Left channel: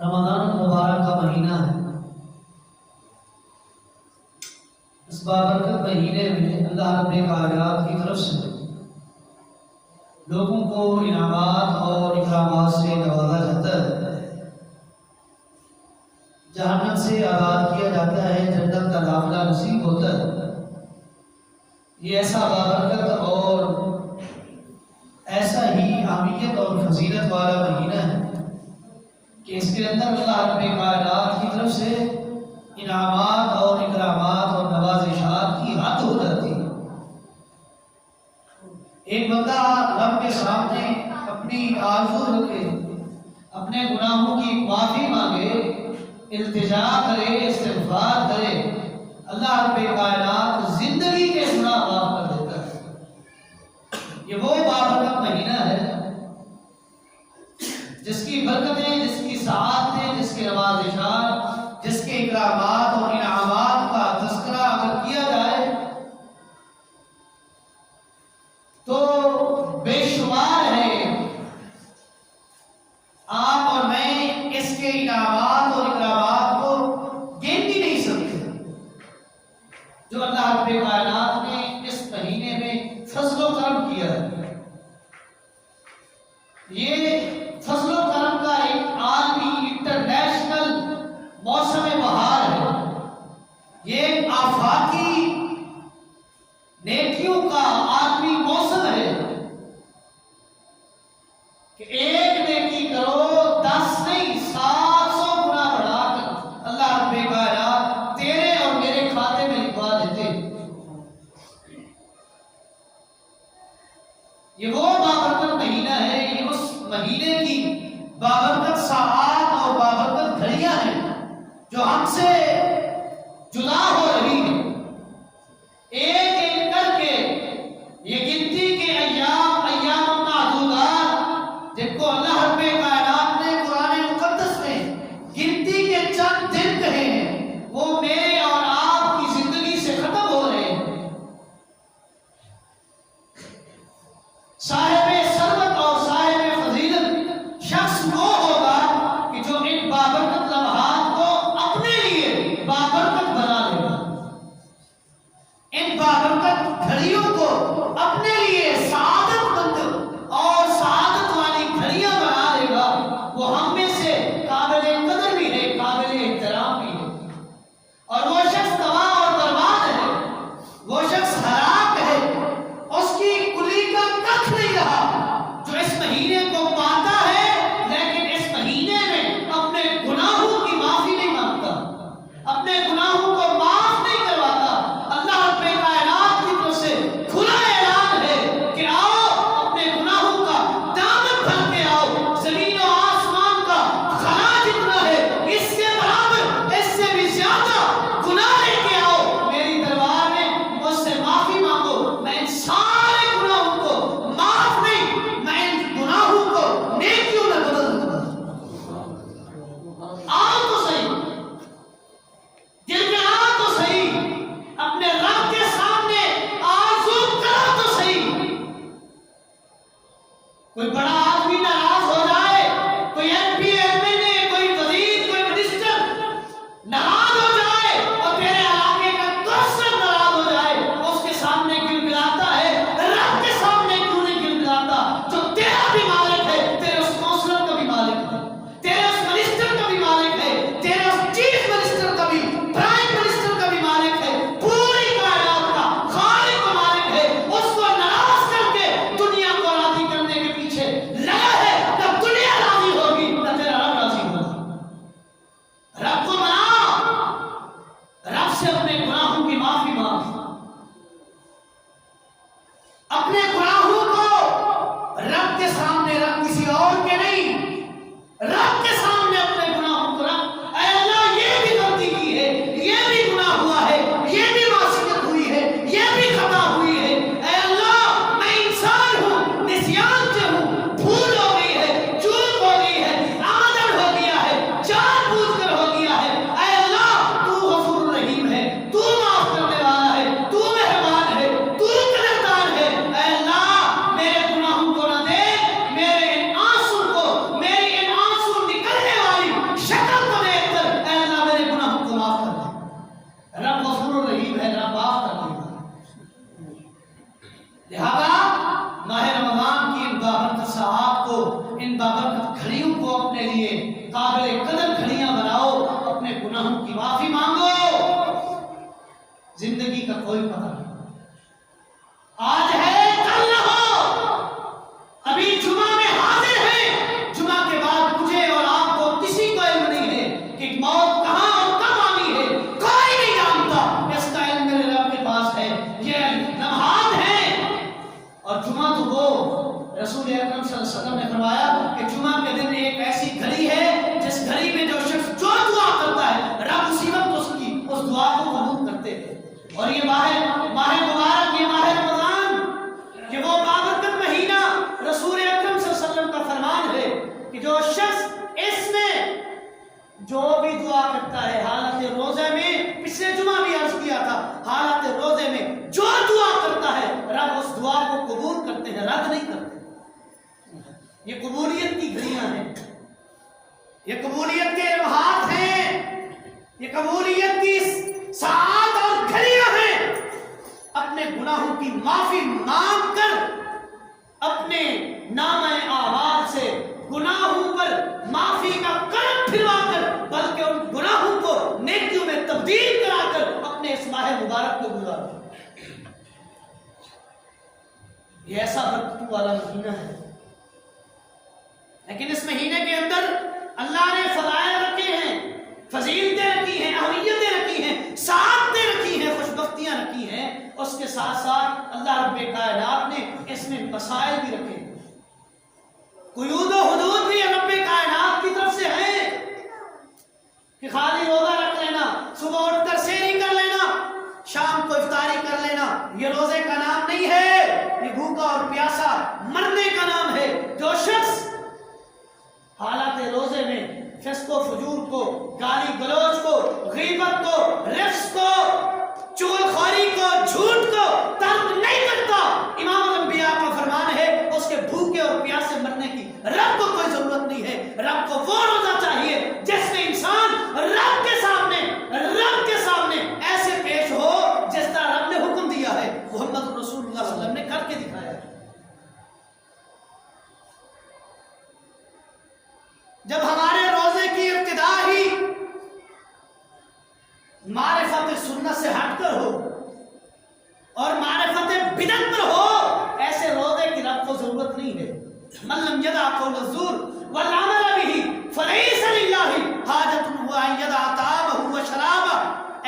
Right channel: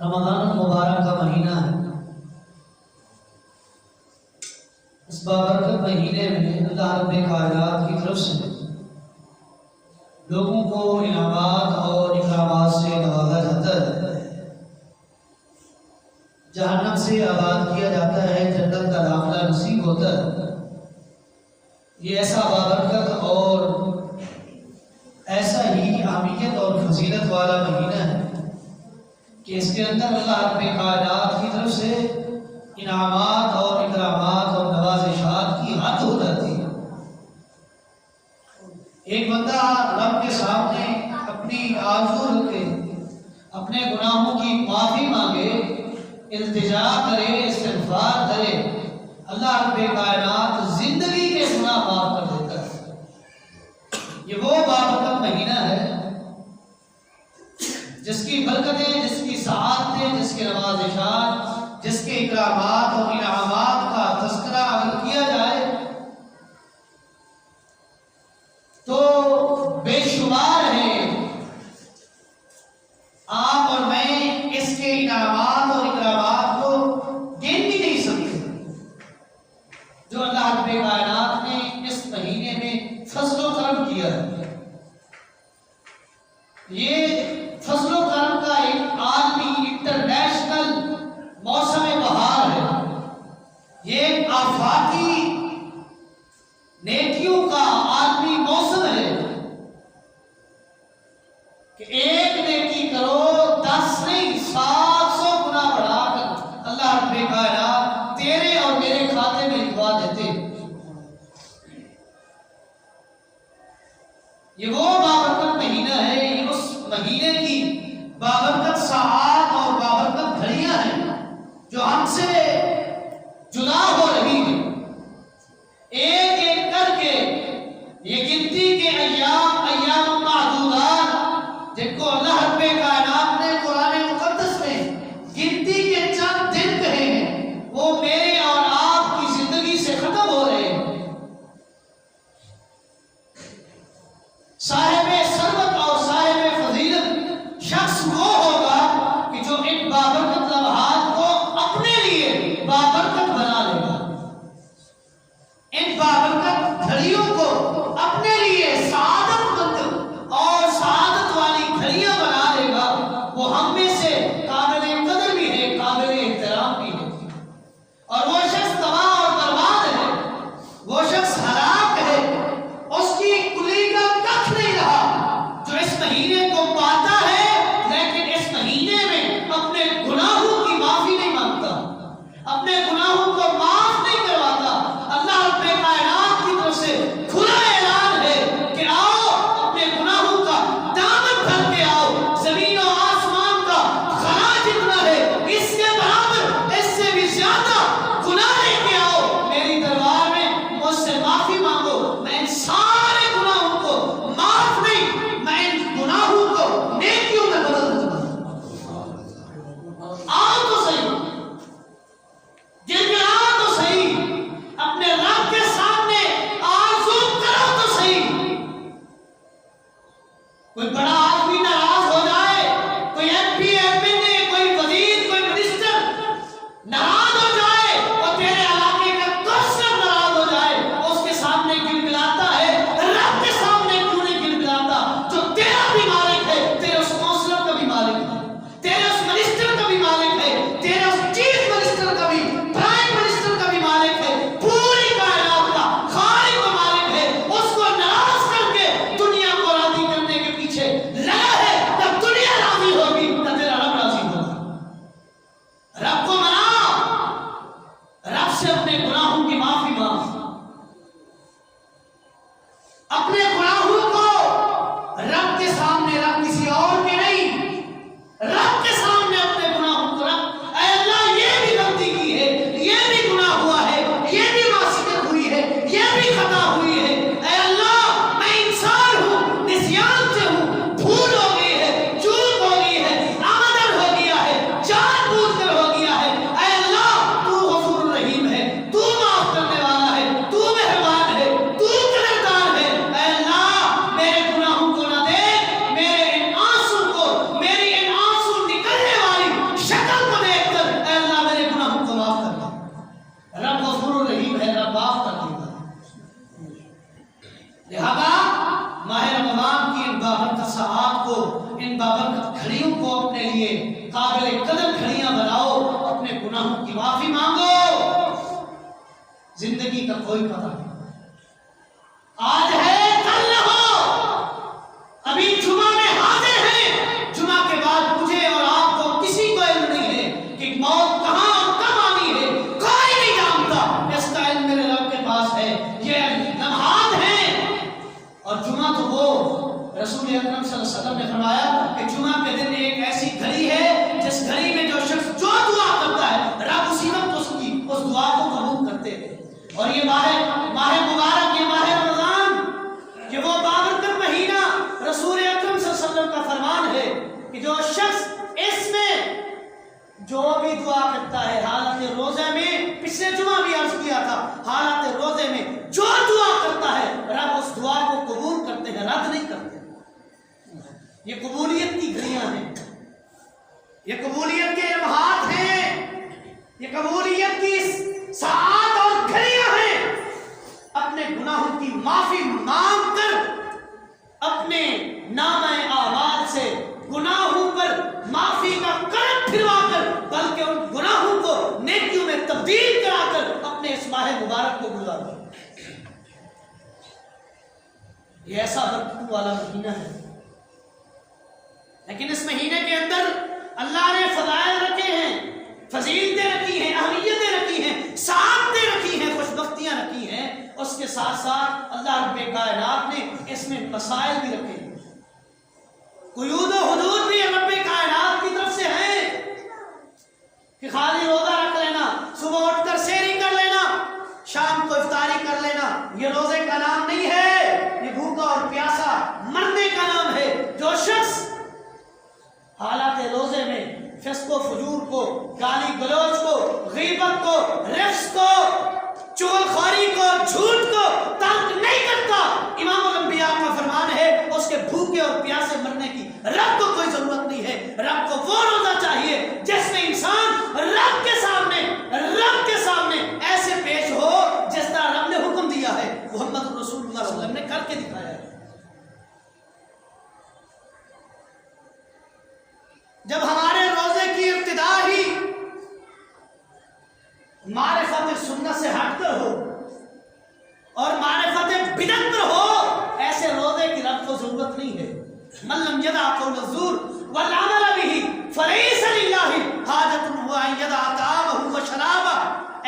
رمضان المبارک کا مہینہ ہے۔ اس بابرکت مہینے میں اللہ رب کائنات کی طرف سے لوگوں کو انعامات اور اکرامات سے نوازا جاتا ہے، جہنم سے آزاد کیا جاتا ہے، جنت کا داخلہ نصیب ہوتا ہے۔ یہ ایسا بابرکت اور ایسا ہی اہمیت اور فضیلت والا مہینہ ہے کہ اس کے اندر اللہ رب کائنات کی طرف سے انعامات اور اکرامات اور نوازشات کی حد ہو جاتی ہے۔ ایک بندہ رب کے سامنے اپنی آرزو رکھے، اپنے گناہوں کی معافی مانگے، التجا کرے، استغفار کرے، اللہ رب کائنات زندگی کے گناہ معاف کر دیتا ہے۔ یہ وہ بابرکت مہینہ ہے جس کی برکتیں، جس کی سعادتیں، جس کے نوازشات، جس کے اکرامات اور انعامات کا تذکرہ اگر کیا جائے تو بے شمار ہے۔ آپ اور میں اس کے انعامات اور اکرامات کو گن بھی نہیں سکتے جو اللہ رب کائنات نے اس مہینے میں فضل و کرم کیا ہے۔ یہ فضل و کرم کا ایک عالمی انٹرنیشنل موسم بہار ہے۔ یہ ایک آفاقی نیکیوں کا عالمی موسم ہے کہ ایک نیکی کرو، 10 نہیں 700 گنا بڑھا کر اللہ رب کائنات تیرے اور میرے کھاتے میں لکھوا دیتے۔ یہ وہ بابرکت مہینہ ہے، یہ اس مہینے کی بابرکت ساعات اور بابرکت گھڑیاں ہیں جو ہم سے جدا ہو رہی ہیں۔ ایک ایک کر کے یہ گنتی کے ایام معدودات جن کو اللہ رب کائنات نے قرآن مقدس میں گنتی کے چند دن کہے ہیں، وہ میرے اور آپ کی زندگی سے ختم ہو رہے ہیں۔ صاحب ثروت اور صاحب فضیلت شخص وہ ہوگا کہ جو ان بابرکت لمحات کو اپنے لیے قابل قدر گھڑیاں بناؤ، اپنے گناہوں کی معافی مانگو۔ زندگی کا کوئی پتہ نہیں، آج ہے کل نہ ہو۔ ابھی جمعہ میں حاضر ہیں، جمعہ کے بعد مجھے اور آپ کو کسی کو علم نہیں ہے کہ موت کہاں اور کب آنی ہے، کوئی نہیں جانتا۔ اس کا علم میرے رب کے پاس ہے، یہ لمحات ہیں۔ اور جمعہ تو وہ رسول اکرم صلی اللہ علیہ وسلم نے فرمایا کہ جمعہ کے دن ایک ایسی گھڑی ہے جس گھڑی میں جو شخص جو دعا کرتا ہے رب اسی وقت اس دعا کو قبول کرتے ہیں۔ اور یہ ماہ مبارک، یہ ماہ رمضان، کہ وہ بابرکت مہینہ، رسول اکرم صلی اللہ علیہ وسلم کا فرمان ہے کہ جو شخص اس میں جو بھی دعا کرتا ہے حالت روزے میں، پچھلے جمعہ بھی عرض کیا تھا، حالت روزے میں جو دعا کرتا ہے رب اس دعا کو قبول کرتے ہیں، رد نہیں کرتے۔ یہ قبولیت کی گھڑیاں ہیں، یہ قبولیت کے لمحات ہیں، یہ قبولیت کی ساعات اور گھڑیاں ہیں۔ اپنے گناہوں کی معافی مانگ کر، اپنے نامہ اعمال سے گناہوں پر معافی کا کرم پھروا کر، بلکہ ان گناہوں کو نیکیوں میں تبدیل کرا کر اپنے اس ماہ مبارک کو گزارو۔ یہ ایسا برکتوں والا مہینہ ہے، لیکن اس مہینے کے اندر اللہ نے فضائل رکھے ہیں، فضیلتیں رکھی ہیں، اہمیتیں رکھی ہیں، سعادتیں رکھی ہیں، خوشبختیاں رکھی ہیں۔ اس کے ساتھ ساتھ اللہ رب کائنات نے اس میں مسائل بھی رکھے ہیں، قیود و حدود بھی رب کائنات کی طرف سے ہیں کہ خالی روزہ رکھ لینا، صبح اٹھ کر سحری کر لینا، شام کو افطاری کر لینا، یہ روزے کا نام نہیں ہے، یہ بھوکا اور پیاسا مرنے کا نام ہے۔ جو شخص حالات روزے میں فسق و فجور کو، گالی گلوچ کو، غیبت کو، رفس کو، چغل خوری کو، جھوٹ کو ترک نہیں کرتا، امام الانبیاء کا فرمان ہے اس کے بھوکے اور پیاسے مرنے کی رب کو کوئی ضرورت نہیں ہے۔ رب کو وہ روزہ چاہیے جس میں انسان رب کے سامنے ایسے پیش ہو جس طرح رب نے حکم دیا ہے، محمد رسول اللہ صلی اللہ علیہ وسلم نے کر کے دکھایا ہے۔ جب ہمارے روزے کی ابتدا ہی معرفت سنت سے ہٹ کر ہو اور معرفت بدعت پر ہو، ایسے روزے کی رب کو ضرورت نہیں ہے۔ من لم يدع قول الزور والعمل به فليس لله حاجة ان يدع طعامه وشرابه۔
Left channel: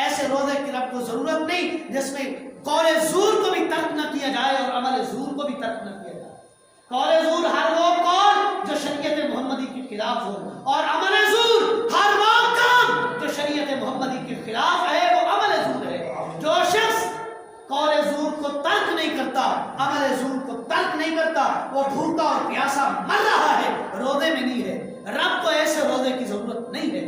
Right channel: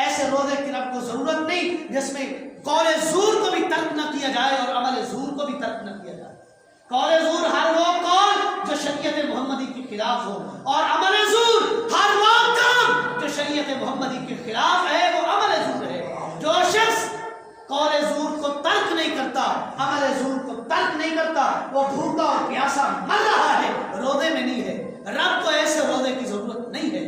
ایسے روزے کی رب کو ضرورت نہیں جس میں قول زور کو بھی ترک نہ کیا جائے اور عمل زور کو بھی ترک نہ کیا جائے۔ قول زور ہر وہ قول جو شریعت محمدی کے خلاف ہو، اور عمل زور ہر وہ کام جو شریعت محمدی کے خلاف ہے، وہ عمل زور ہے۔ جو شخص قول زور کو ترک نہیں کرتا، عمل زور کو ترک نہیں کرتا، وہ بھوکا اور پیاسا مر رہا ہے، روزے میں نہیں ہے۔ رب کو ایسے روزے کی ضرورت نہیں ہے۔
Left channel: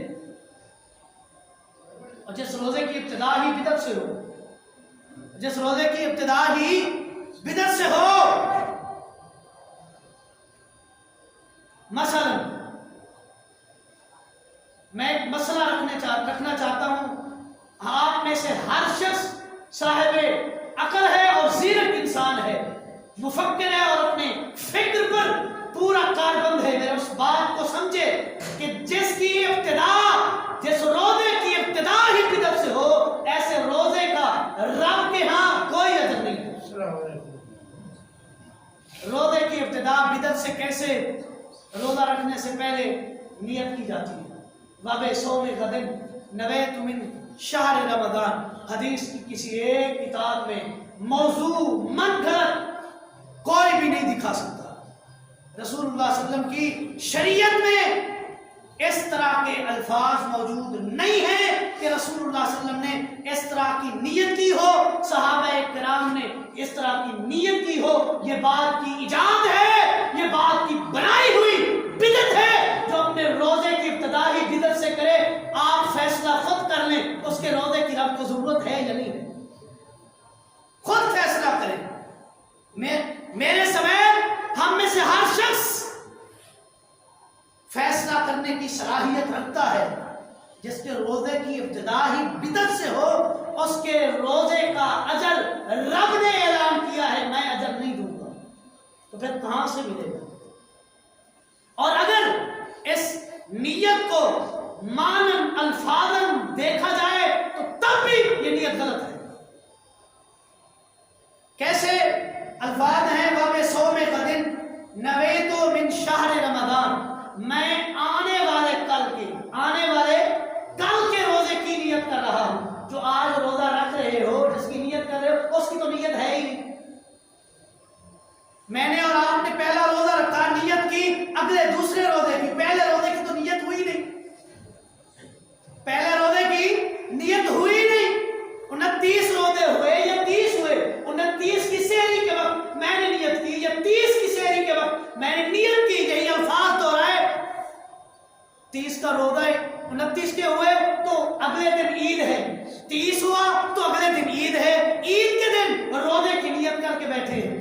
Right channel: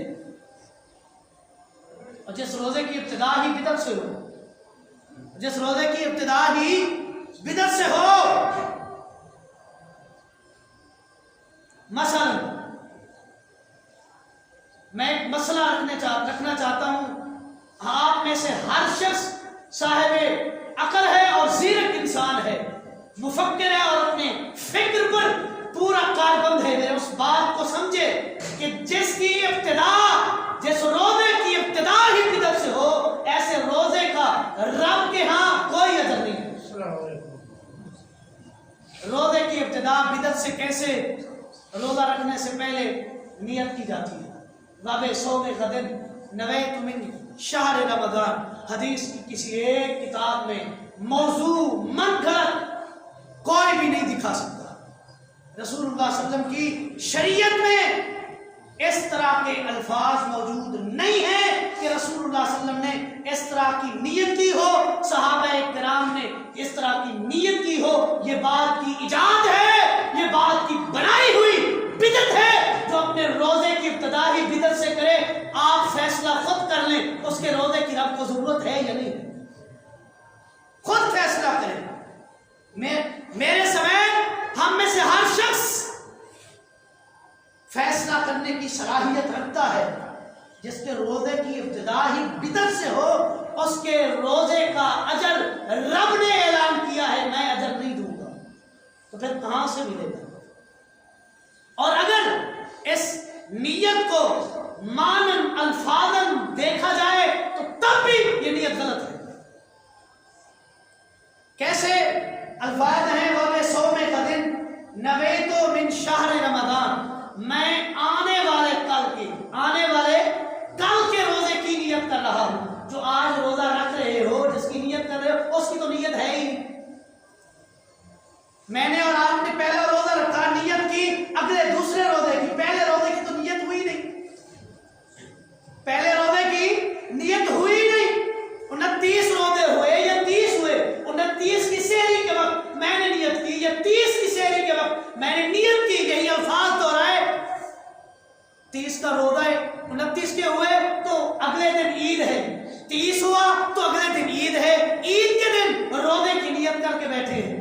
اور جس روزے کی ابتدا ہی بدعت سے ہو، جس روزے کی ابتدا ہی بدعت سے ہو، مثلا میں ایک مسئلہ رکھنا چاہتا ہوں، آپ میں سے ہر شخص صاحب عقل ہے اور زیرک انسان ہے، مفکر ہے اور اپنے فکر پر پورا کاربند ہے۔ میرے اس بات کو سمجھے کہ جس روزے کی ابتدا ہی بدعت سے ہو، ایسے روزے کا رب کے ہاں کوئی اجر نہیں ہے۔ روزے کی ابتدا بدعت سے کیسے؟ روزہ رکھنے سے پہلے نیت کی جاتی ہے، وَبِ صَوْمِ غَدٍ نَوَيْتُ مِن شَهْرِ رمضان۔ حدیث کی کسی ایک کتاب میں موضوع من گھڑت کوئی بھی نہیں دکھا سکتا۔ رسول اللہ صلی اللہ علیہ وسلم کی شریعت میں اس طرح کے الفاظ موجود نہیں ہیں کہ رسول اللہ صلی اللہ علیہ وسلم نے اس طرح کی نیت کی ہو، صحابہ کرام نے اس طرح کی نیت کی ہو۔ یہ بات کی ایجاد ہے، یہ بات کی بنائی ہوئی بدعت ہے۔ جو اپنے روزے کی ابتدا ہی بدعت سے کرے، آپ فیصلہ خود کر لیں اس کے روزے کی رب کو ضرورت ہے یا نہیں ہے، خود فیصلہ کریں۔ میرے سمیت ہم میں سے ہر شخص فیصلہ کرنے کی صلاحیت رکھتا ہے۔ جس کے روزے کی ابتدا ہی بدعت سے ہو، اس کے روزے کا اجر رب نے اعلان کیا ہے میں اجر نہیں دوں گا، تو پھر کہاں سے ملے گا؟ اور اگر اس نیت کو مانن الفاظن دیکھا جائے تو تب بھی یہ نیت غلط ہے. کیسے الفاظ ہیں؟ وَبِ صَوْمِ غَدٍ نَوَیْتُ مِنْ شَهْرِ رَمَضَان، میں آنے والے کل کے روزے کی نیت کر رہا ہوں. جو آج روزہ رکھ رہے ہو، جس کی نیت کر رہے ہو، اس کی تو نیت ہے ہی نہیں. میں نے اور آپ نے پہلا روزہ رکھا، نیت کی اگلے دوسرے روزے کی، پہلے روزے کی تو نیت ہوئی نہیں. پہلے روزے کی نیت ہوئی نہیں. 29 روزے ہوئے یا 30 ہوئے، 29 کی سحری کے وقت میں نے نیت کی یا 30 کی سحری کے وقت میں نے نیت کی. یہی الفاظ دہرائے. 30 کا روزہ ہے، 29 کے ہوئے تو اگلے دن عید ہے. 30 ہوا تو اگلے دن عید ہے. عید کے دن روزے کی نیت کر کے بیٹھے ہیں.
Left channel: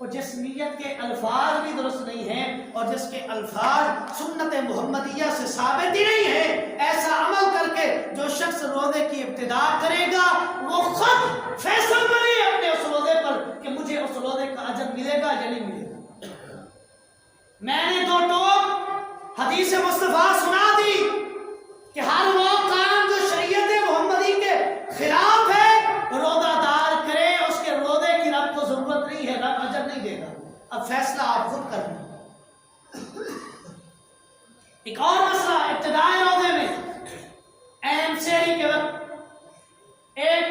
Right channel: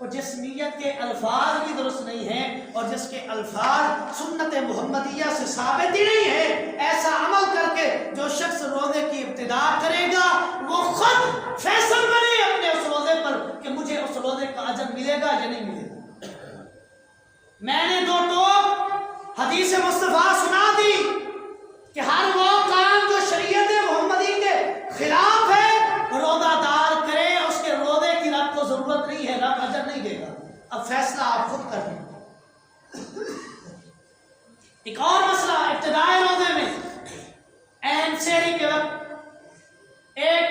اور جس نیت کے الفاظ بھی درست نہیں ہیں اور جس کے الفاظ سنت محمدیہ سے ثابت ہی نہیں ہے، ایسا عمل کر کے جو شخص روزے کی ابتدا کرے گا وہ خود فیصل بنے اپنے اس روزے پر کہ مجھے اس روزے کا اجر ملے گا یا نہیں ملے گا. میں نے 2 ٹوک حدیث مصطفیٰ سنا دی کہ ہر وہ کام جو شریعت محمدی کے خلاف ہے روزہ دار کرے، اس کے روزے کی رب کو ضرورت نہیں ہے، رب اجر نہیں دے گا. اب فیصلہ آپ خود کر لیں. ایک اور مسئلہ ابتدائی روزے میں عین سحری کے وقت ایک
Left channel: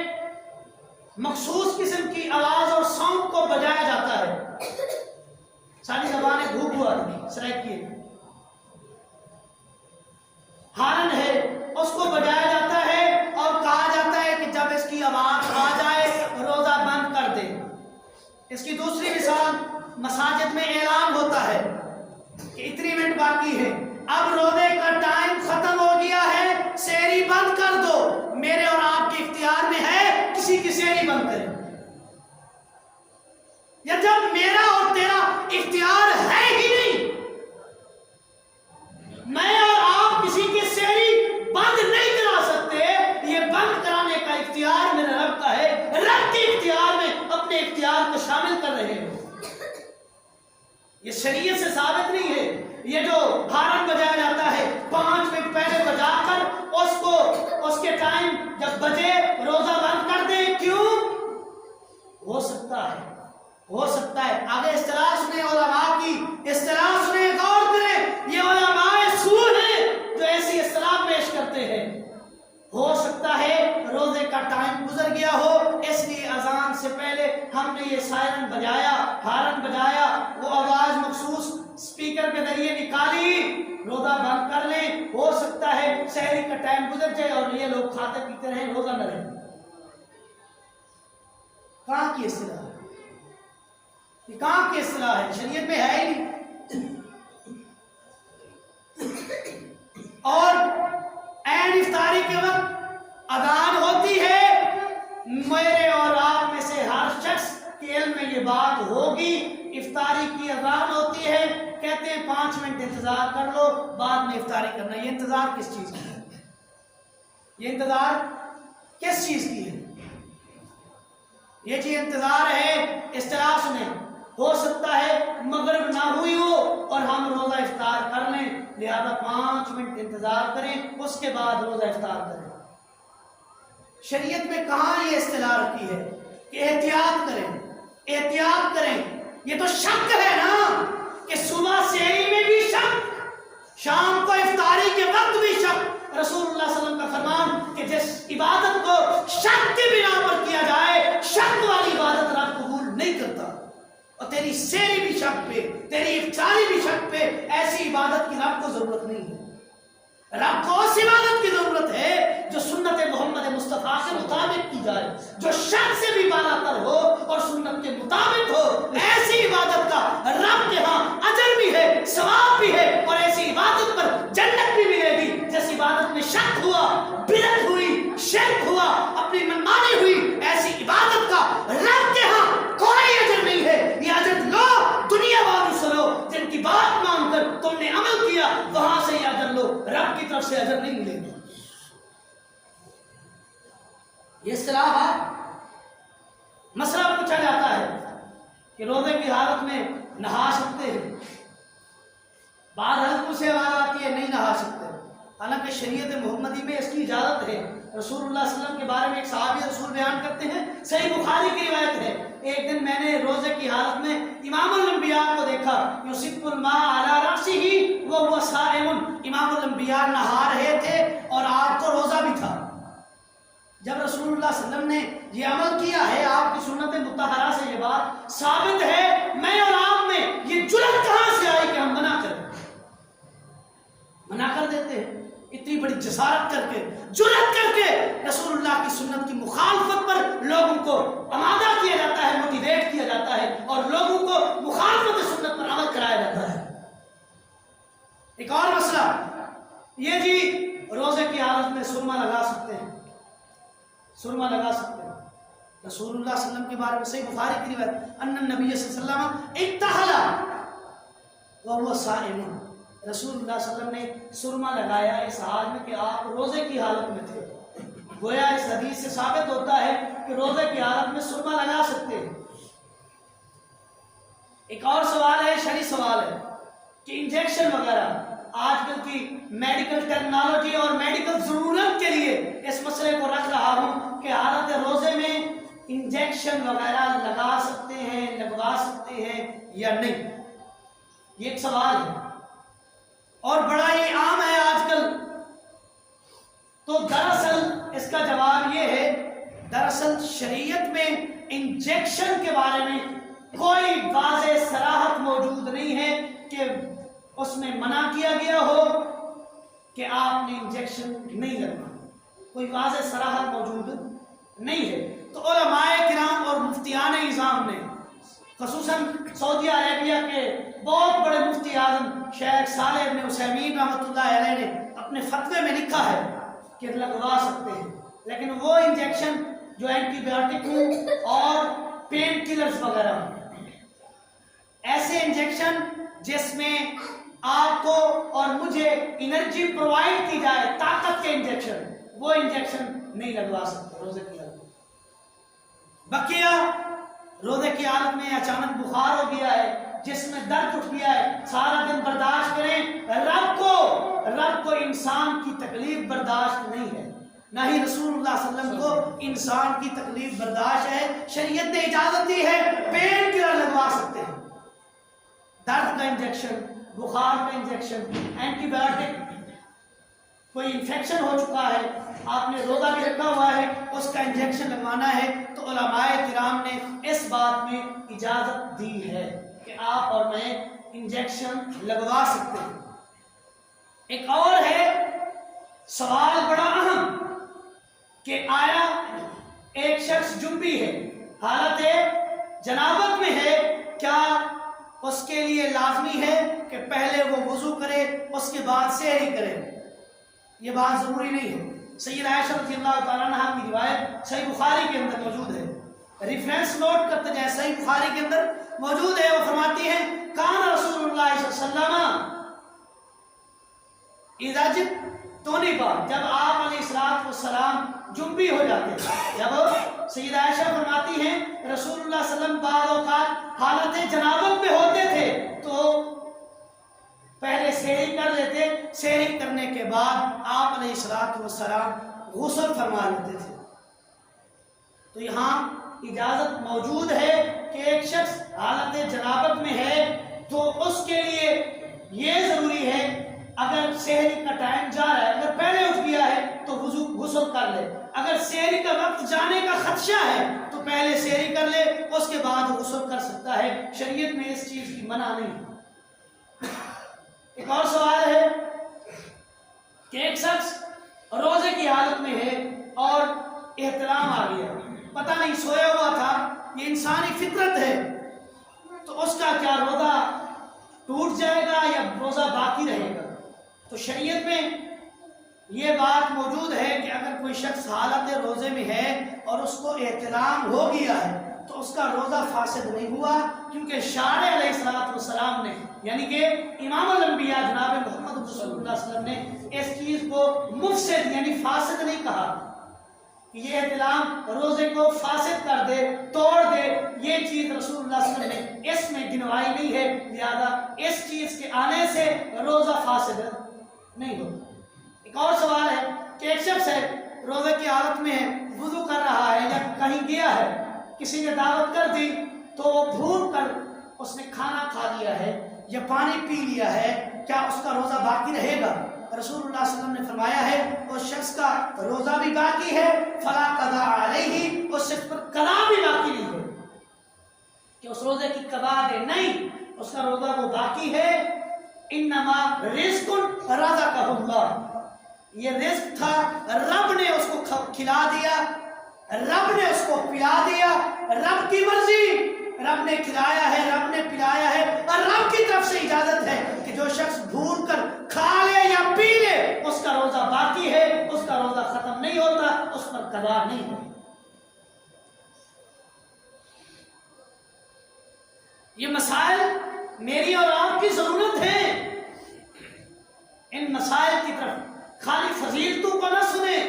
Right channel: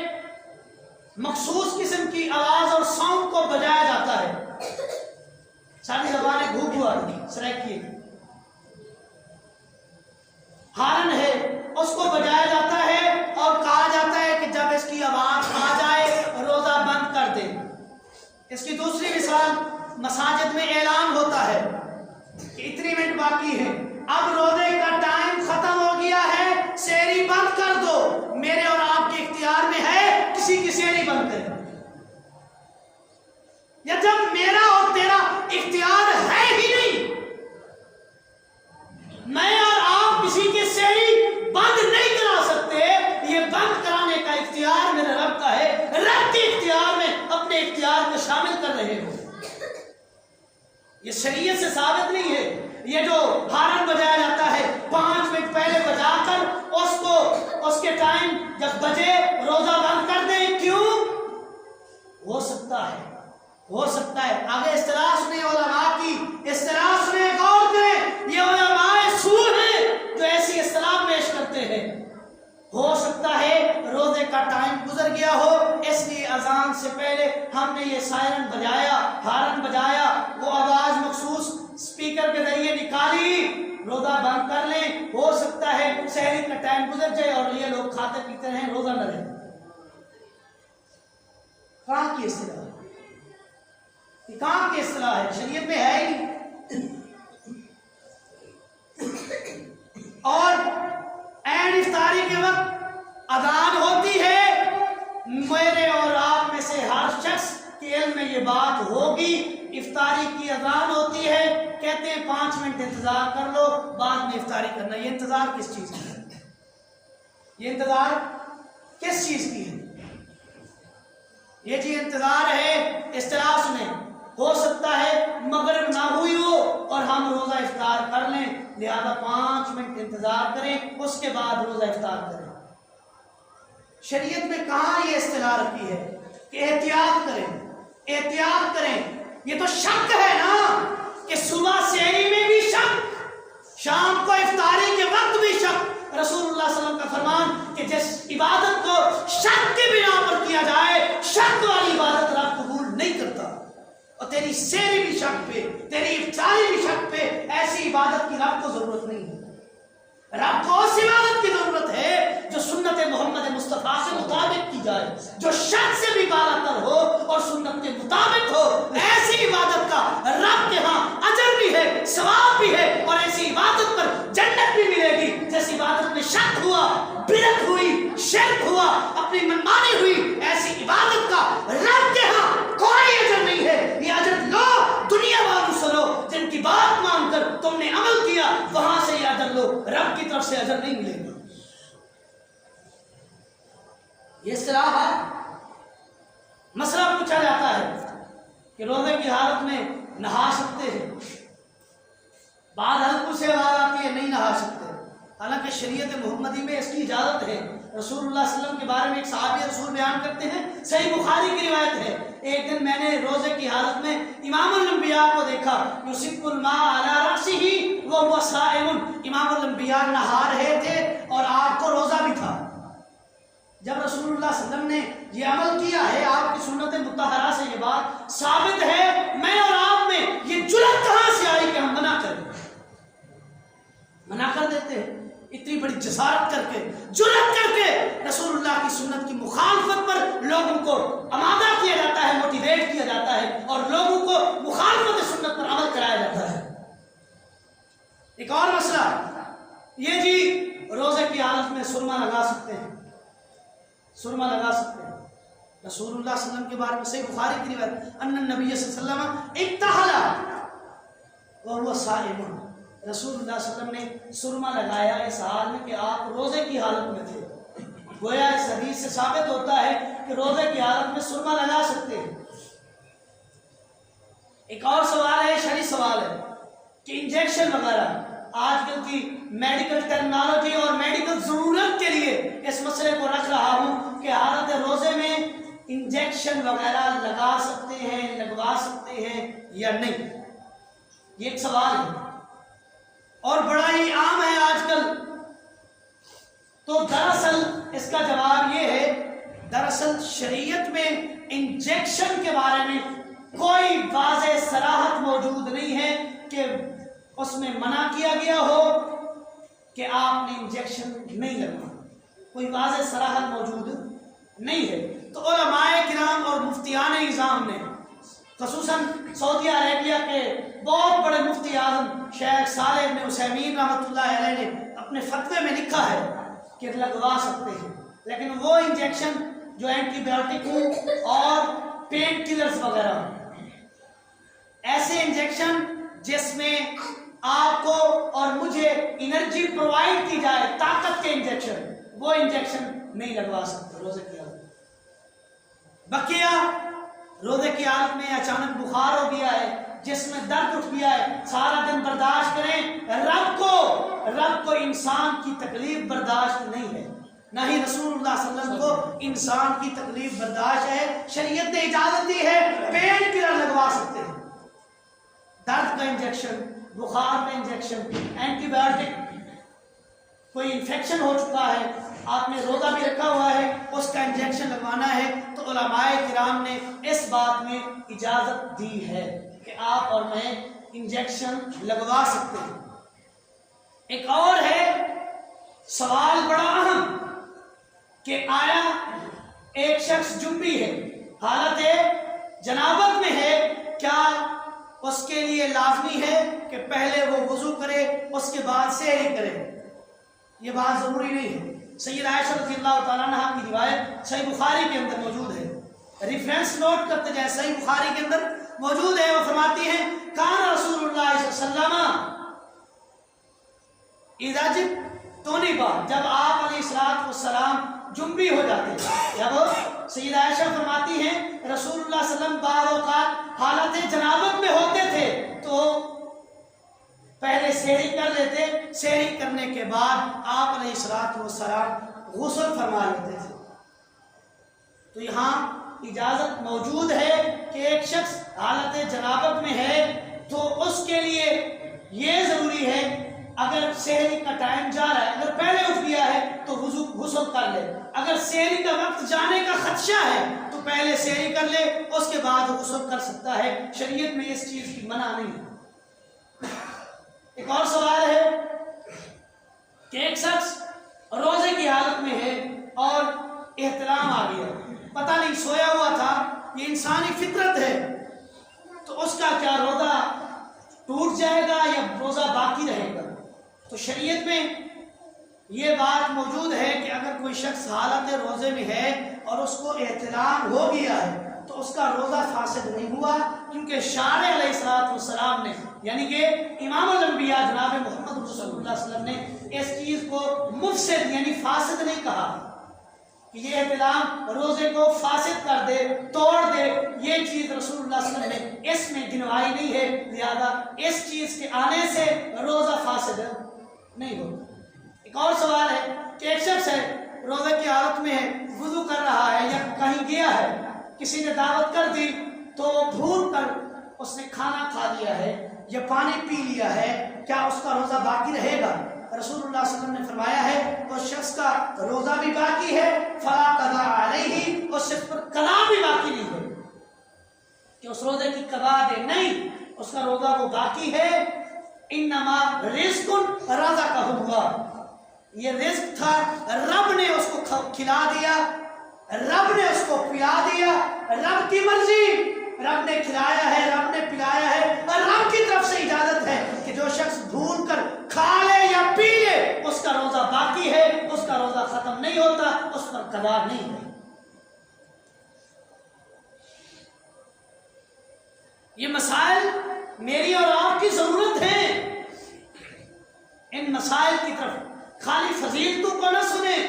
مخصوص قسم کی آواز اور ساؤنڈ کو بجایا جاتا ہے. ساری زبانیں گھوگ ہوا سریکیے ہارن ہے، اس کو بجایا جاتا ہے اور کہا جاتا ہے کہ جب اس کی آواز آ جائے روزہ بند کر دے. اس کی دوسری مثال مساجد میں اعلان ہوتا ہے کہ اتنی منٹ باقی ہے، اب روزے کا ٹائم ختم ہو گیا ہے، سحری بند کر دو. میرے اور آپ کے اختیار میں ہے کسی کی سحری بند کرے، یا جب میرا اور تیرا اختیار ہے ہی نہیں، میں اور آپ کسی کی سحری بند نہیں کرا سکتے. یہ بند کرانے کا اختیار میرے رب کا ہے. رب کے اختیار میں اپنے اختیار کو شامل کر رہے ہو. یہ شریعت سے ثابت نہیں ہے. یہ جو ہارن بجایا جاتا ہے 5 منٹ پہلے بجا کر اس کے ٹائم جب بجے روزہ بند کر دیں، کیوں؟ ہو سکتا ہے آگے اصطلاح سنیں، علماء کی اصطلاح سنیں، غور کریں. یہ علماء سو ہیں جو ایسی اصطلاح پیش کرتے ہیں. ہو سکتا ہے روزے کا ٹائم گزر گیا ہو، اس لیے اذان سے پہلے ہم نے یہ سائرن بجایا، ہارن بجایا، وہ آواز مخصوص سپیکر کے ذریعے نکالی، روزہ بند کر لیں. ہو سکتا ہے سحری کا ٹائم گزر جائے اور یہ لوگ کھاتے پیتے رہیں، روزہ نہ رہے. کہاں کی اصطلاح ہے؟ یہ کہاں کی اصطلاح ہے؟ شریعت میں ہے ہی نہیں. اور عین افطاری کے وقت اذان ہوتی ہے، میرے اور آپ میں سے ہر شخص کے علم میں یہ بات ہوگی. افطاری کی اذان ہوتی ہے، کہتے ہیں 5 منٹ انتظار کر لو، بعد میں افطاری کرنا. یہ انتظار کس چیز کی ہے؟ یہ انتظار کس چیز کی ہے؟ یہ جی انتظار ہے. اصطلاح سنیں، ہو سکتا ہے مغرب نہ ہوئی ہو اور ہم روزہ افطار کر لیں، لہذا 5 منٹ انتظار کریں، اس کے بعد روزہ افطار کریں. شریعت میں کہاں یہ اصطلاح رکھی ہے کہ احتیاط کریں؟ یہ تو شک ہے نا کہ صبح سحری میں بھی شک، شام کو افطاری کے وقت بھی شک. رسول اللہ صلی اللہ علیہ وسلم کا فرمان کہ جس عبادت کو شک کی بنا پر کیا جائے، شک والی عبادت رب قبول نہیں کرتا. اور تیری سحری بھی شک پہ، تیری افطاری بھی شک پہ، ایسی عبادت کی رب کو ضرورت نہیں ہے. رب کو اس عبادت کی ضرورت ہے جو سنت محمد مصطفیٰ سے مطابق کی جائے، جو شک سے بھی بالا تر ہو اور سنت کے مطابق ہو. ایسی عبادت کا رب کے ہاں اجر بھی ہے، ثواب بھی ہے، اور ایسی عبادت پر جنت بھی ملے گی. جس عبادت میں شک ہوا، بدعت ہوئی، شرک ہوا، اپنی منمانی ہوئی، ایسی عبادت کا رب کے ہاں کوئی اجر نہیں ہے. یہ اجر لو دنیا والوں سے لو، جن کی بات مان کر تم نے عمل کیا، وہاں سے یہ اجر لو، رب کی طرف سے اجر نہیں ملے گا. یہ اصطلاح ہے. مسئلہ پوچھا جاتا ہے کہ روزے کی حالت میں نہا سکتے ہیں؟ بعض حلقوں سے آواز آتی ہے نہیں نہا سکتے، حالانکہ شریعت محمدی میں اس کی اجازت ہے۔ رسول اللہ صلی اللہ علیہ وسلم کے بارے میں ایک صحابی رسول بیان کرتے ہیں، صحیح بخاری کی روایت ہے، ایک دن میں نے روزے کی حالت میں امام الانبیاء کو دیکھا، یصب الماء علی رأسہ وهو صائم، امام الانبیاء نہا رہے تھے اور آپ کو روزہ بھی تھا۔ جب رسول اللہ صلی اللہ علیہ وسلم نے یہ عمل کیا ہے، آپ کی سنت مطہرہ سے یہ بات ثابت ہے، میں اور آپ میں یہ جرأت کہاں سے آئی کہ ہم منع کریں؟ منع کر دیتے ہیں، اتنی بڑی جسارت کر کے، جرأت کر کے رسول اللہ کی سنت کی مخالفت پر لوگوں کو آمادہ کیا جاتا ہے، موٹیویٹ کیا جاتا ہے اور لوگوں کو مخالفت سنت پر عمل کرایا جاتا ہے۔ ایک اور مسئلہ یہ جی روزے کی حالت میں سرما لگا سکتے ہیں، سرما لگا سکتے ہیں۔ رسول اللہ صلی اللہ علیہ وسلم کے بارے میں صحیح بخاری کی روایت، ان النبی صلی اللہ علیہ وسلم اکتحل وهو صائم، رسول اللہ صلی اللہ علیہ وسلم نے سرما لگایا اس حال میں کہ آپ روزے کی حالت میں تھے۔ گویا اس حدیث سے ثابت ہوتا ہے کہ روزے کی حالت میں سرما لگا سکتے ہیں۔ ایک اور سوال ہے، شرعی سوال ہے کہ انجیکشن وغیرہ، آج کل کی میڈیکل ٹیکنالوجی اور میڈیکل ضرورت کے لیے اس مسئلے کو رکھ رہا ہوں کہ حالت روزے میں انجیکشن وغیرہ لگا سکتے ہیں، لگوا سکتے ہیں یا نہیں، یہ ایک سوال ہے اور بڑا ہی عام ہے آج کل۔ تو دراصل اس کا جواب یہ ہے، دراصل شریعت میں انجیکشن کے بارے میں کوئی واضح صراحت موجود نہیں ہے کہ اس میں منع کیا گیا ہو کہ آپ نے انجیکشن نہیں لگوانا، کوئی واضح صراحت موجود نہیں ہے۔ تو علماء کرام اور مفتیان نظام نے، خصوصاً سعودی عربیہ کے بہت بڑے مفتی اعظم شیخ صالح بن عثیمین رحمۃ اللہ علیہ نے اپنے فتوے میں لکھا ہے کہ لگوا سکتے ہیں، لیکن وہ انجیکشن جو اینٹی بایوٹک ہوں اور پین کلرز وغیرہ ہوں، ایسے انجیکشن جس میں آپ کو اور مجھے انرجی پرووائڈ کی جائے، طاقت کے انجیکشن، وہ انجیکشن نہیں لگوا سکتے روزے کی حالت میں۔ بقیہ روزے کی حالت میں اچانک بخار ہو گیا ہے، جس میں درد اٹھ گیا ہے، سارا دن برداشت کریں، رب کو انسان کی تکلیف برداشت نہیں ہے، نہ ہی رسول اللہ صلی اللہ علیہ وسلم کو انسان کی تکلیف برداشت ہے۔ شریعت نے اجازت دی ہے، پین کلر لگوا سکتے ہیں، درد کا انجیکشن، بخار کا انجیکشن، اینٹی بایوٹک، کوئی انفیکشن ہو چکا ہے، آپ نے روزہ بھی رکھا ہوا ہے، اس کا انجیکشن لگوانا ہے، تو علماء کرام نے اس بات میں اجازت دی ہے کہ آپ اور میں انجیکشن لگوا سکتے ہیں۔ ایک اور ہے سوال بڑا اہم کہ آیا ایک شخص جنبی ہے، حالت جنابت میں ہے، کیا اس کے لیے لازمی ہے کہ پہلے وہ وضو کرے اس کے بعد سحری کرے؟ یہ بات ضروری نہیں ہے۔ سید عائشہ رضی اللہ تعالیٰ عنہا کی روایت صحیح بخاری کے اندر موجود ہے، ریفرنس نوٹ کرتے جائیں، صحیح بخاری کے اندر موجود ہے، وہ فرماتی ہیں کان رسول اللہ صلی اللہ علیہ وسلم اذا جنب، جب آپ علیہ السلام جنبی ہو جاتے ہیں، جب سید عائشہ فرماتی ہیں رسول اللہ صلی اللہ علیہ وسلم بعض اوقات حالت جنابت میں ہوتے تھے تو پہلے سحری کر لیتے، سحری کرنے کے بعد آپ علیہ السلام غسل فرما لیتے تھے۔ تو یہاں اجازت موجود ہے کہ ایک شخص حالت جنابت میں ہے تو اس کے لیے یہ ضروری ہے، اگر سحری کا ٹائم جا رہا ہے، اگر پہلے اٹھ گیا ہے تو غسل کر لے، اگر سحری کا وقت جانے کا خدشہ ہے تو پہلے سحری کر لے، اس کے بعد غسل کر سکتا ہے، شریعت میں اس چیز کی منع نہیں ہے۔ ایک اور سوال ہے کہ ایک شخص روزے کی حالت میں ہے اور احتلام آ گیا، پتہ نہیں سویا ہوا تھا، یہ انسانی فطرت ہے، تو اس کا کیا روزہ ٹوٹ جائے گا یا روزہ باقی رہے گا؟ تو شریعت میں یہ بات موجود ہے کہ اگر کوئی شخص حالت روزے میں ہے اور اس کو احتلام ہو گیا ہے تو اس کا روزہ فاسد نہیں ہوا، کیونکہ شارع علیہ السلام نے، یعنی کہ امام الانبیاء جناب محمد صلی اللہ علیہ وسلم نے اس چیز کو مفسد یعنی فاسد نہیں کہا، کہ یہ احتلام روزے کو فاسد کر دے، توڑ دے، یہ چیز رسول اللہ صلی اللہ علیہ وسلم نے اس میں گنوائی نہیں ہے، لہذا اس چیز کے آنے سے روزہ فاسد نہیں ہوتا۔ ایک اور سوال ہے کہ ایک شخص ہے روزے کی حالت میں ہے، وضو کر رہا ہے یا کہیں گیا ہے، کسی نے دعوت کر دی تو وہ بھول کر اس نے کھانا کھا لیا ہے یا پانی پی لیا ہے، کیا اس کا روزہ باقی رہے گا؟ رسول اللہ صلی اللہ علیہ وسلم نے فرمایا ہے اس شخص کا روزہ بھی باقی ہے، فلا قضا علیہ، اس شخص پر قضا بھی باقی نہیں ہے کہ اس روزے کی قضا دے، نہیں، اس کا روزہ وہ باقی ہے۔ انما رزق رزقہ اللہ، یہ رزق تھا، رب نے اس کو کھلا دیا، رب نے اس کو پلا دیا، رب کی مرضی، رب نے کھلایا ہے، رب نے پلایا ہے، اور رب کی طرف سے اجازت ہے کہ جو شخص بھول کر کھا لے یا پی لے اس کا روزہ باقی ہے، اس کا روزہ ختم نہیں ہوتا، اس پر قضا نہیں ہے۔ یہ مسائل میری اور آپ کی ضرورت ہے، ان مسائل کی طرف خالی فضیلتوں کو نہ سنیں،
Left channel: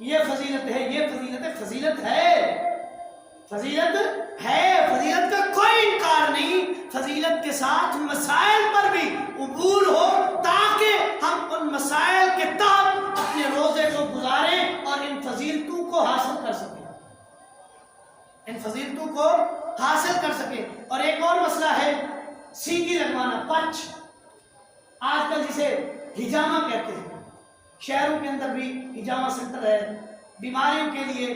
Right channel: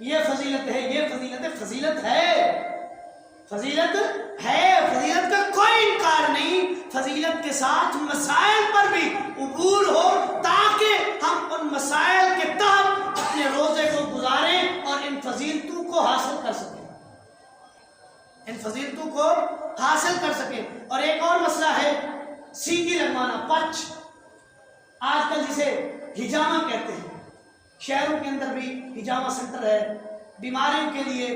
یہ فضیلت ہے، یہ فضیلت ہے، فضیلت ہے، فضیلت ہے، فضیلت کا کوئی انکار نہیں، فضیلت کے ساتھ مسائل پر بھی عبور ہو تاکہ ہم ان مسائل کے تحت اپنے روزے کو گزاریں اور ان فضیلتوں کو حاصل کر سکیں، ان فضیلتوں کو حاصل کر سکیں۔ اور ایک اور مسئلہ ہے سینگی لگوانا، پچ، آج کل جسے ہجامہ کہتے ہیں، شہروں کے اندر بھی ہجامہ سینٹر ہے، بیماریوں کے لیے،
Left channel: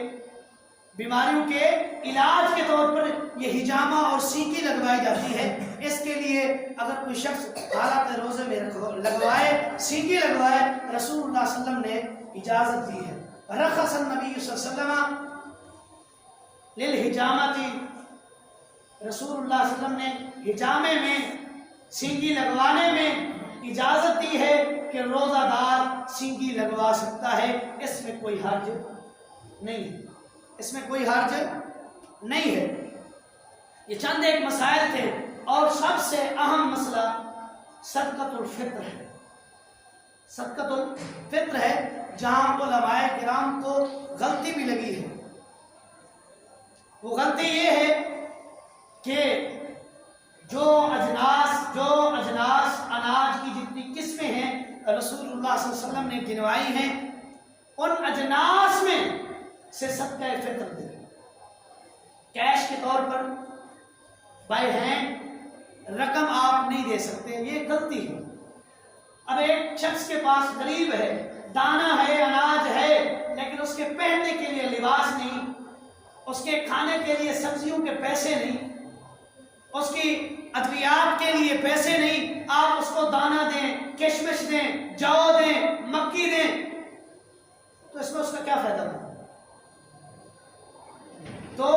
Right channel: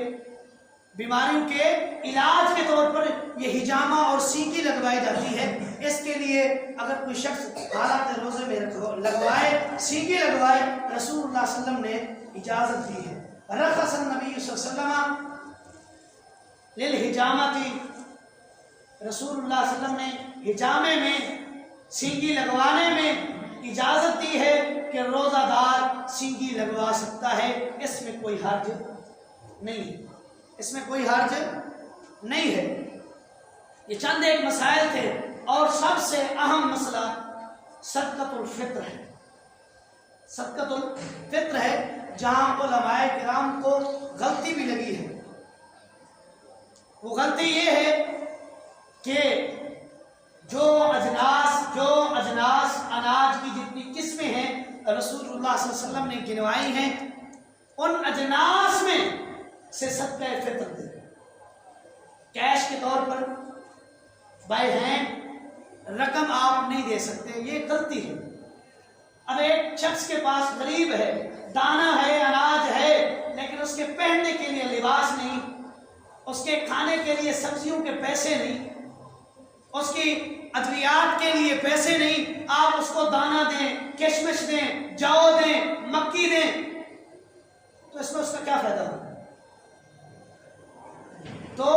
بیماریوں کے علاج کے طور پر یہ ہجامہ اور سینگی لگوائی جاتی ہے۔ اس کے لیے اگر کوئی شخص حالت روزے میں لگوائے، سینگی لگوائے، رسول اللہ صلی اللہ علیہ وسلم نے اجازت دی ہے۔ رخص النبی صلی اللہ علیہ وسلم للحجامتی، رسول اللہ صلی اللہ علیہ وسلم نے حجامے میں، سینگی لگوانے میں اجازت دی ہے کہ روزہ دار سینگی لگوا سکتا ہے، اس میں کوئی حرج نہیں، اس میں کوئی حرج نہیں ہے۔ یہ چند ایک مسائل تھے، اور سب سے اہم مسئلہ صدقۃ الفطر ہے، صدقۃ الفطر ہے، جہاں علماء کرام کو غلطی بھی لگی ہے۔ وہ غلطی یہ ہے کہ جو اجناس اناج کی جتنی قسمیں ہیں رسول اللہ صلی اللہ علیہ وسلم نے گنوائی ہیں، ان اجناس میں سے صدقہ فطر دے، کیش کے طور پر بائی ہینڈ رقم آپ نہیں دے سکتے، یہ غلطی ہے۔ اب ایک شخص کے پاس غریب ہے، دانہ ہے، اناج ہے، لیکن اس کے پہننے کے لیے لباس نہیں، اس کے کھانے کے لیے سبزیوں کے پیسے نہیں، اس کی ادویات کے لیے پیسے نہیں، آپ اس کو دانہ دیں، کشمش دیں، جو دیں، مکی دیں، تو اس میں اس کا کیا فائدہ ہوگا؟ تو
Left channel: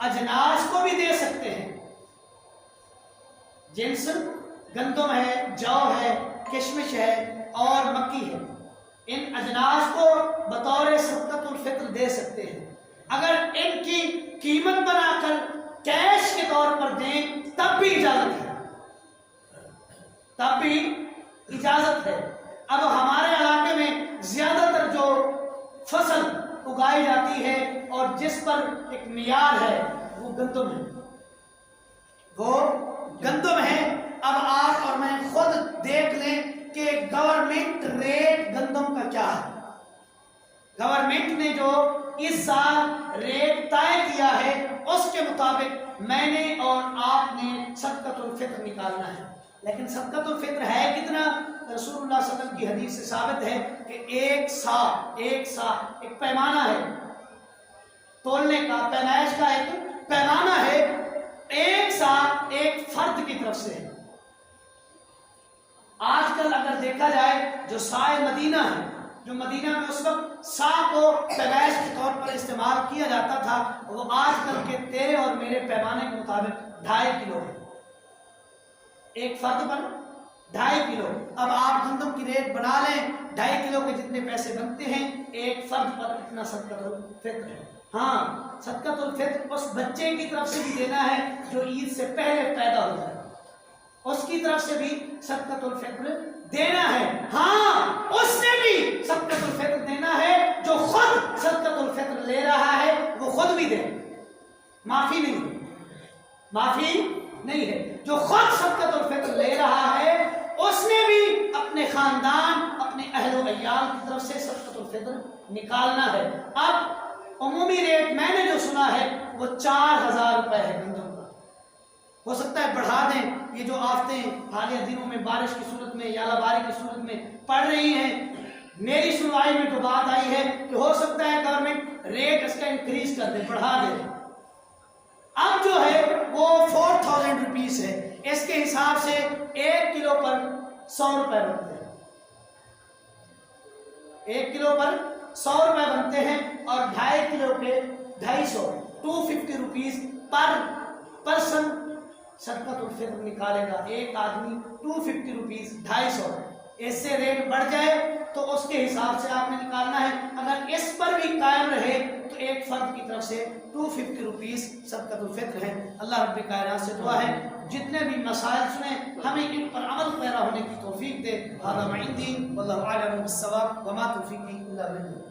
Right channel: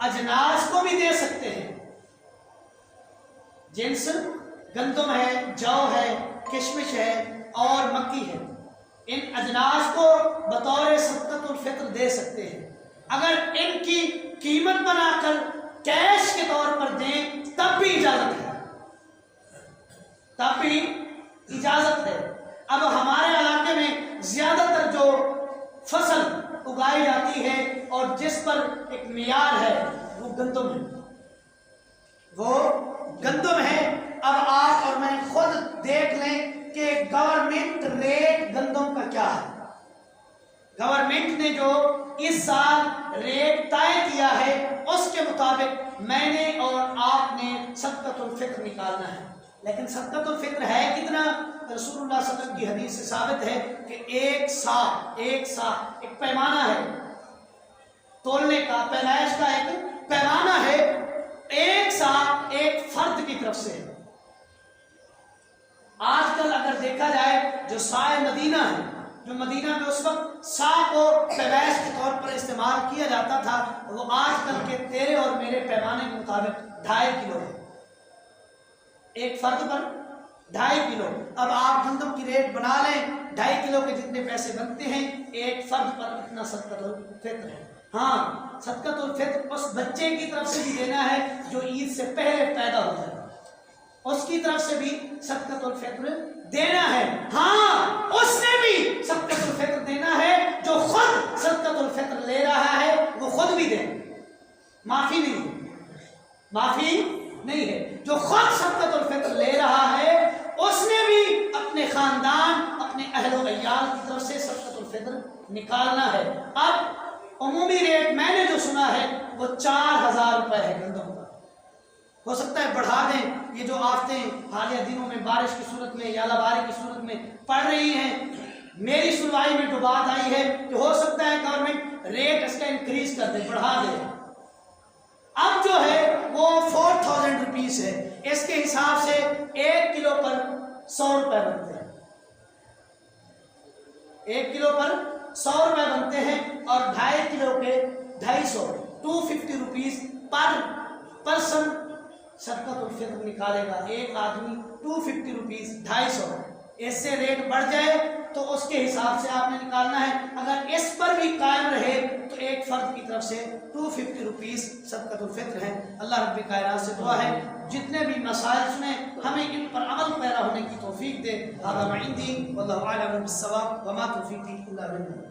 اجناس کو بھی دے سکتے ہیں، جنس گندم ہے، جو ہے، کشمش ہے اور مکی ہے، ان اجناس کو بطور صدقۃ الفطر دے سکتے ہیں۔ اگر ان کی قیمت بنا کر کیش کے طور پر دیں تب بھی اجازت ہے، تب بھی اجازت ہے۔ اب ہمارے علاقے میں زیادہ تر جو فصل اگائی جاتی ہے اور جس پر ایک معیار ہے وہ گندم ہے، وہ گندم ہے۔ اب آپ اور میں خود دیکھ لیں کہ گورنمنٹ ریٹ گندم کا کیا ہے، گورنمنٹ نے جو اس سال ریٹ طے کیا ہے اس کے مطابق میں نے اور آپ نے صدقۃ الفطر نکالنا ہے۔ لیکن صدقۃ الفطر ہے کتنا؟ رسول اللہ صلی اللہ علیہ وسلم کی حدیث سے ثابت ہے کہ ایک سا ایک پیمانہ ہے، تولنے کا، پیمائش کا ایک پیمانہ ہے، ایک سا ایک فرد کی طرف سے ہے۔ آج کل اگر دیکھا جائے جو سائے مدینہ ہے، جو مدینہ میں اس وقت سا کو پیمائش کے طور پر استعمال کیا جاتا تھا، وہ آج کل کے تیرے اور میرے پیمانے کے مطابق 2.5 کلو ہے، ایک فرد پر 2.5 کلو۔ اب آپ گندم کی ریٹ بنا لیں، 2.5 کلو کے جتنے پیسے بنتے ہیں، ایک فرد پر اتنا صدقۃ الفطر ہے۔ ہاں، صدقۃ الفطر اس بچے کی طرف سے بھی دینا ہے جو عید سے پہلے پیدا ہو جائے، اس کی طرف سے بھی صدقۃ الفطر دینا ہے۔ ہاں، اس نے بھی صدقۃ الفطر دینا ہے جو خود لے رہا ہے وہ خود بھی دے، معافی نہیں ہے، معافی نہیں ہے۔ جو خود صدقۃ الفطر لے رہا ہے اس نے بھی اپنے خاندان، اپنے اہل و عیال کی طرف سے صدقۃ الفطر نکالنا ہے۔ اب عمومی ریٹ میں نے جو سنا ہے وہ 4000 روپے ہے گندم کا، ہو سکتا ہے بڑھا دیں۔ یہ جو آفتیں حالیہ دنوں میں بارش کی صورت میں یا لباری کی صورت میں پڑ رہی ہیں، میری سنوائی میں جو بات آئی ہے کہ ہو سکتا ہے گورنمنٹ ریٹ اس کا انکریز کر دے، بڑھا دے۔ اب جو ہے وہ 4000 روپیز ہے، اس کے حساب سے 1 کلو پر 100 روپے بنتے ہیں، 1 کلو پر 100 روپے بنتے ہیں، اور 2.5 کلو کے 250 250 روپیز پر پرسن صدقۃ الفطر نکالے گا۔ ایک آدمی 250 روپیز 250، اس سے ریٹ بڑھ جائے تو اس کے حساب سے آپ نے نکالنا ہے۔ اگر اس پر بھی قائم رہے تو ایک فرد کی طرف سے 250 روپیز صدقۃ الفطر ہے۔ اللہ رب کائنات سے دعا ہے جتنے بھی مسائل سنیں ہمیں ان پر عمل پیرا ہونے کی توفیق دے۔ ھذا ما عندی واللہ اعلم بالصواب وما توفیقی الا باللہ۔